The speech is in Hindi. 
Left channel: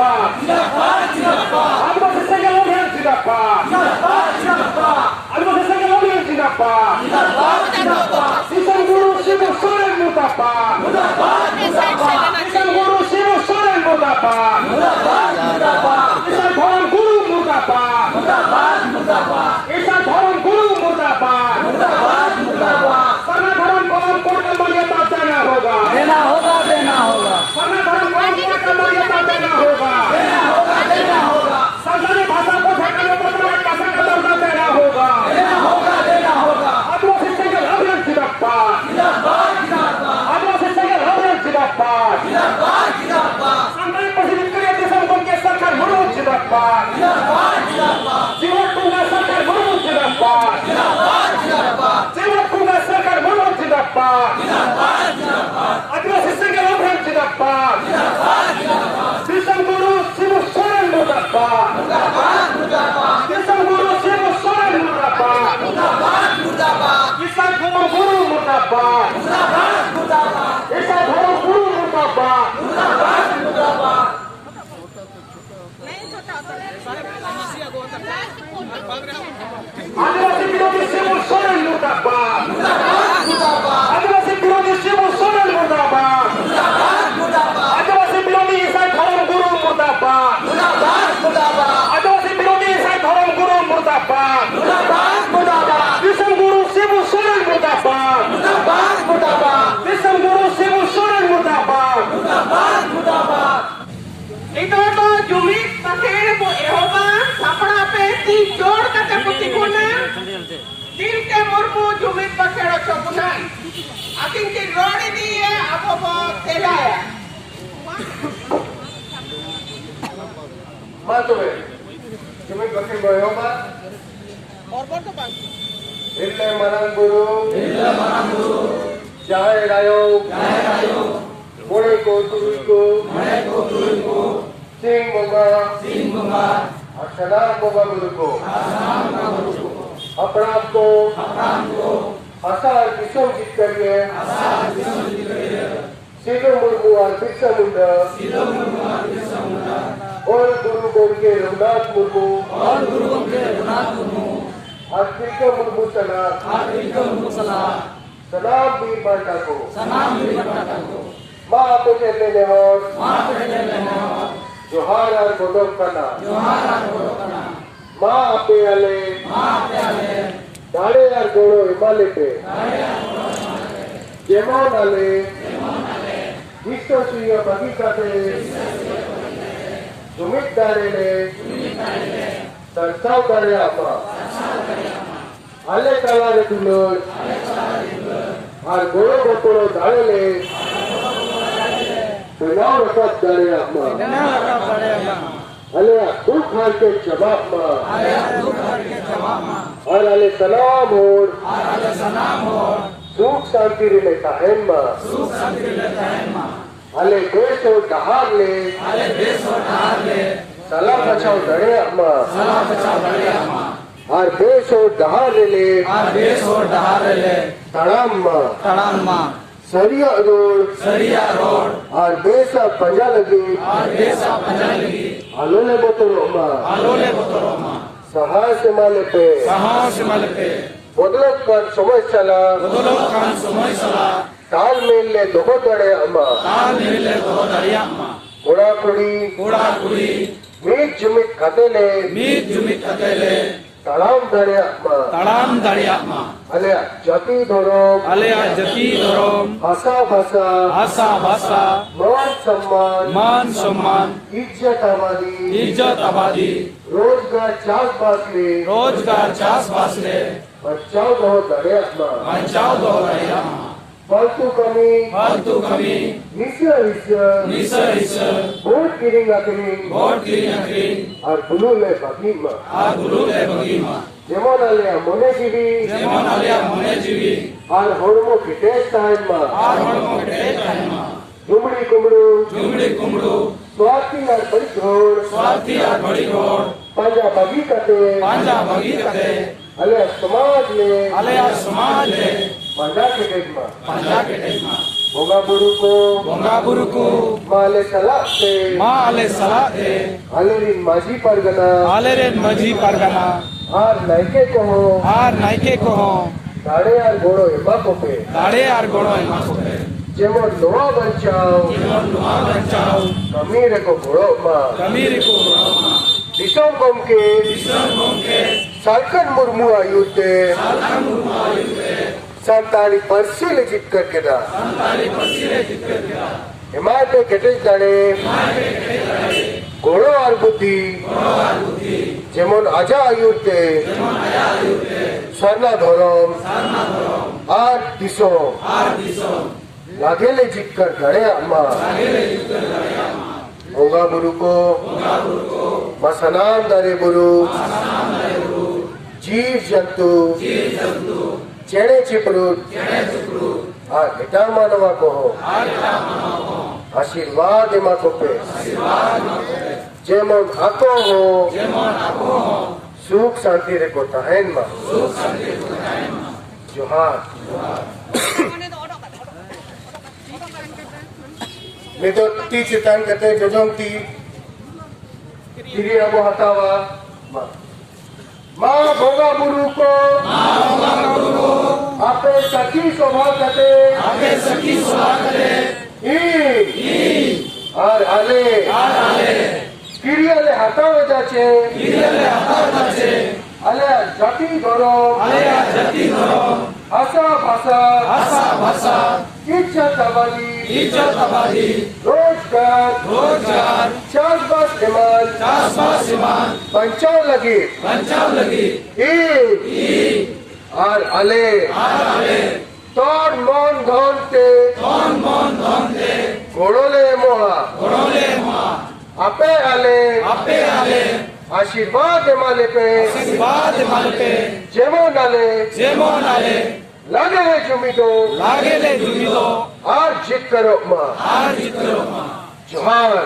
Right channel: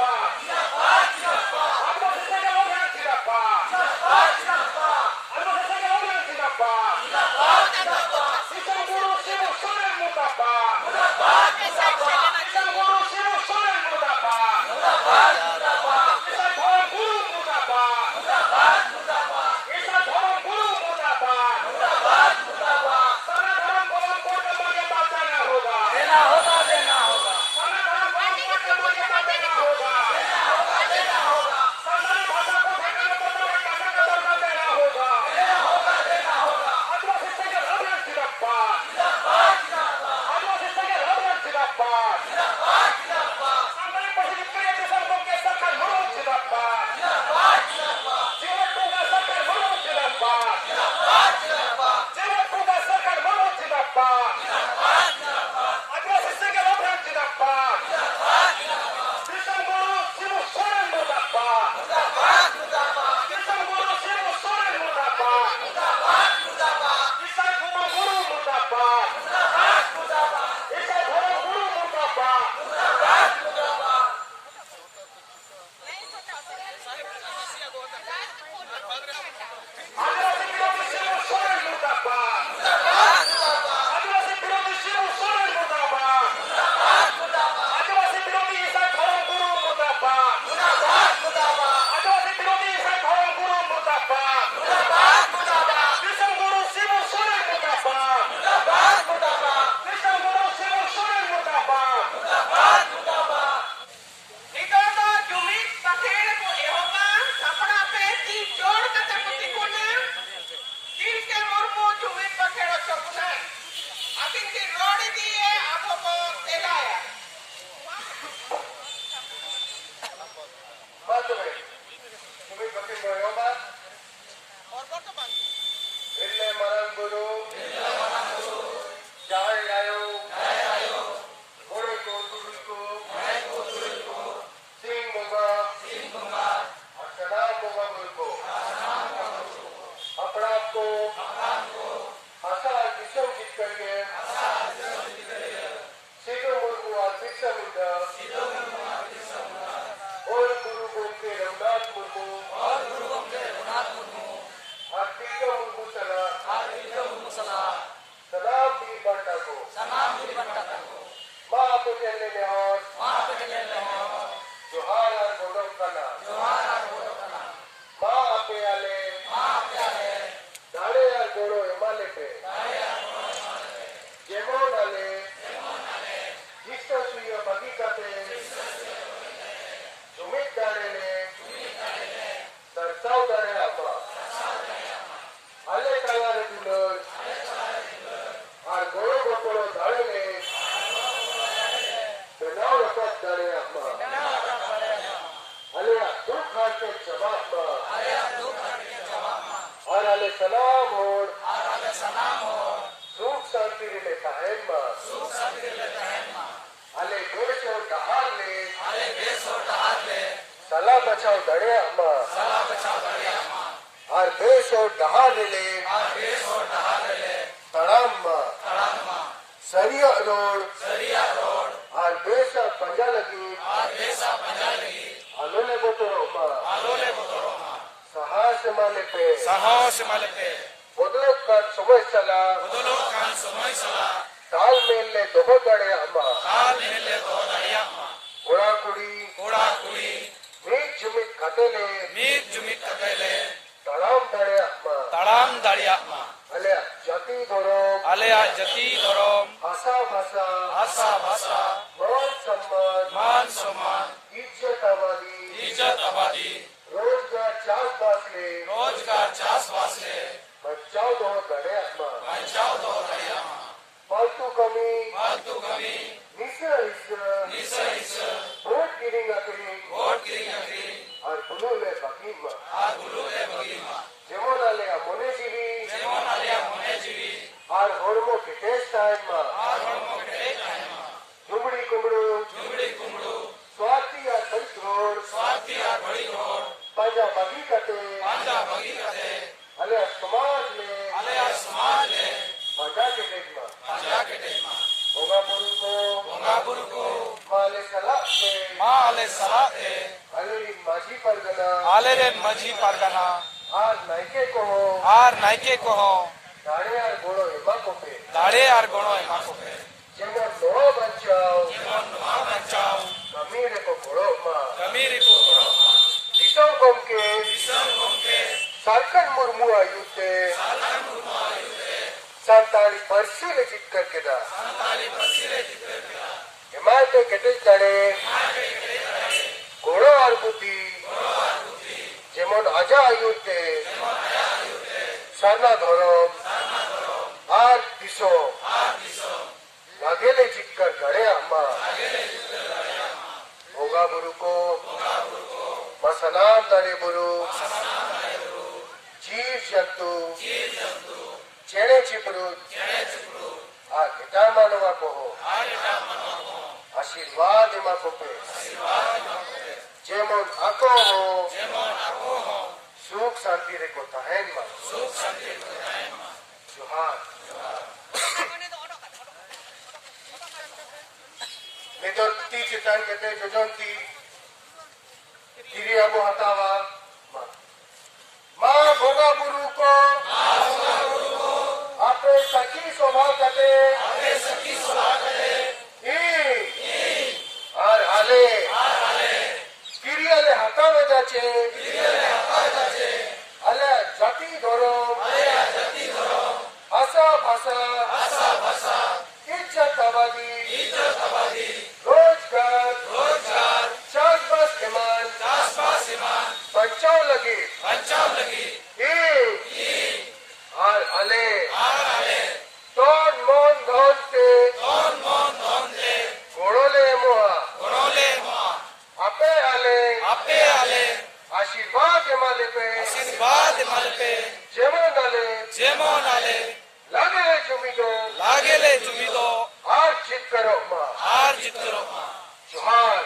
जिंदाबाद आदिवासी संघर्ष अभियान जिंदाबाद आदिवासी संघर्ष अभियान जिंदाबाद किसान गुरु शिव सोरेन मुर्दाबाद किसान गुरु शिव सोरेन मुर्दाबाद किसान धर्म गुरु मुर्दाबाद किसान धर्म गुरु मुर्दाबाद सरना धर्म कौम कोर्ट का मान्यता देना होगा सरना धर्म कौम कोर्ट का मान्यता देना होगा सरकारी भाषा को ठेकाने पर भाषा का दर्जा देना होगा आदिवासी संघर्ष अभियान जिंदाबाद आदिवासी संघर्ष अभियान जिंदाबाद संघर्ष क्रिएटिव संगठन के सरकार मनोज जिंदाबाद जीवन कुंगा सरकार मनोज जिंदाबाद जीवन कुंगा सरकार मनोज जिंदाबाद आदिवासी संघर्ष अभियान जिंदाबाद किसान गुरु शिव सोरेन मुर्दाबाद किसान गुरु शिव सोरेन मुर्दाबाद किसान धर्म गुरु मुर्दाबाद किसान धर्म गुरु मुर्दाबाद आदिवासी विरोधी शिव सोरेन मुर्दाबाद आदिवासी विरोधी शिव सोरेन मुर्दाबाद आदिवासी विरोधी ईसाई धर्म गुरु मुर्दाबाद आदिवासी विरोधी ईसाई धर्म गुरु मुर्दाबाद किसान गुरु शिव सोरेन मुर्दाबाद किसान गुरु शिव सोरेन मुर्दाबाद itu jumit pakai po ehoba sapra pe ti jor kata putih guna bil ke mormu jumit pakai cobunan ating ti rodi dia apa po teraya Matuwe jumit pakai ehoba और तो बात Illa marang guru Jai rayo Mone ko turi ko Sing bunga Asana bunga guru ko अपराध को आसार किसम जीत करिए सिद्धू मुर्मू और बिरसा मुंडा और गुरु गोविंद रघुनाथ मुर्मू और बिरसा मुर्मू सलाम वीर बांटा को माँ आपको कहते और जोहार और गोदम करना माँ आपे आले दाड़े और गोड़ो हिमालय पे जेमोन आले जिसको सुइया बगीचा से जुमित दारे ने सरसाव दारे आपा आले कालारे दुलो और गोड़ो गोपड़ो दाड़े ले बिनाव रखत दारे आपा अले तू खान के जवाब में और अले सलाम होड़ सुख शांति रिले ताहन में अले देश और दहार ले सलाह बचाओ दड़े अम्मा और देश और दहार ले तड़ाम में सरिया रोड और बेसा पंजा लगी आलोले बोतरो मा सहाय से माले पे बदलत कर समय चला ताल मेल ले दोहो दड़े अम्मा कुड़ा कुड़ी मीत जुमित खतेले तड़ाम दड़े अम्मा अले जति धरोम भाषा मान सम्मान इज्जत आबादी रोजगार चास बासले बचाओ दो दड़े अम्मा फालतू कमी निशा वोट गिरिंग और बुलूले बगीमा जेमन आलिया मोने जीवी और होड़मो की टेस्ट टाइम में जुमड़ी कुमड़ू स्वार्थी और बड़ी घोड़ पंजा बगी कते अले समाज ले पंजा के टेक में Bongaburuku Male Salate Male Salate Alerin Maji Pargana Aleren Maji Pargana Ar Naike Koho Ar Naike Koho Dare Ar Goro Ema Kope Dare Ar Goro Ema Kope Jemon Noa Banchao Noa Gancau Kamire Ko Goro Ma Kamiri Ko Disam Gomke Salkan Murmu Ayute Santali Persile Jitkar Keda Himate Ketesh Dare Goro Ar Buddhi Jemon Aja Ayute Sarna Dhorom Ar Disom Lagele Jitkar Gare Amma Bongaburuko Masanam Dare Buru Jeev Jantu Chene Chiprut Ar Hita Manava Koho Ashirvad Ema Kope Jemon Ako Ho Sukh Shanti Reko Tahen Ma Johar Midoti Chitan Kate Jojonti Kiri Abu Hatawa Ma Bongaburuko Ape Sakhi Sobha Kate I Ar Ale Kiri Ale Hatawa Jache Ale Jati Doro Asa Basa Izzat Abadi Rozgar Chasbas Iman Panchao Lagi I Ar Ale Tor Mon Dhonte Gorole Moha Ape Ale Ashirvad Emale Pe Jemon Ale Lagele Jumido Ar Jit Karo Ma Johar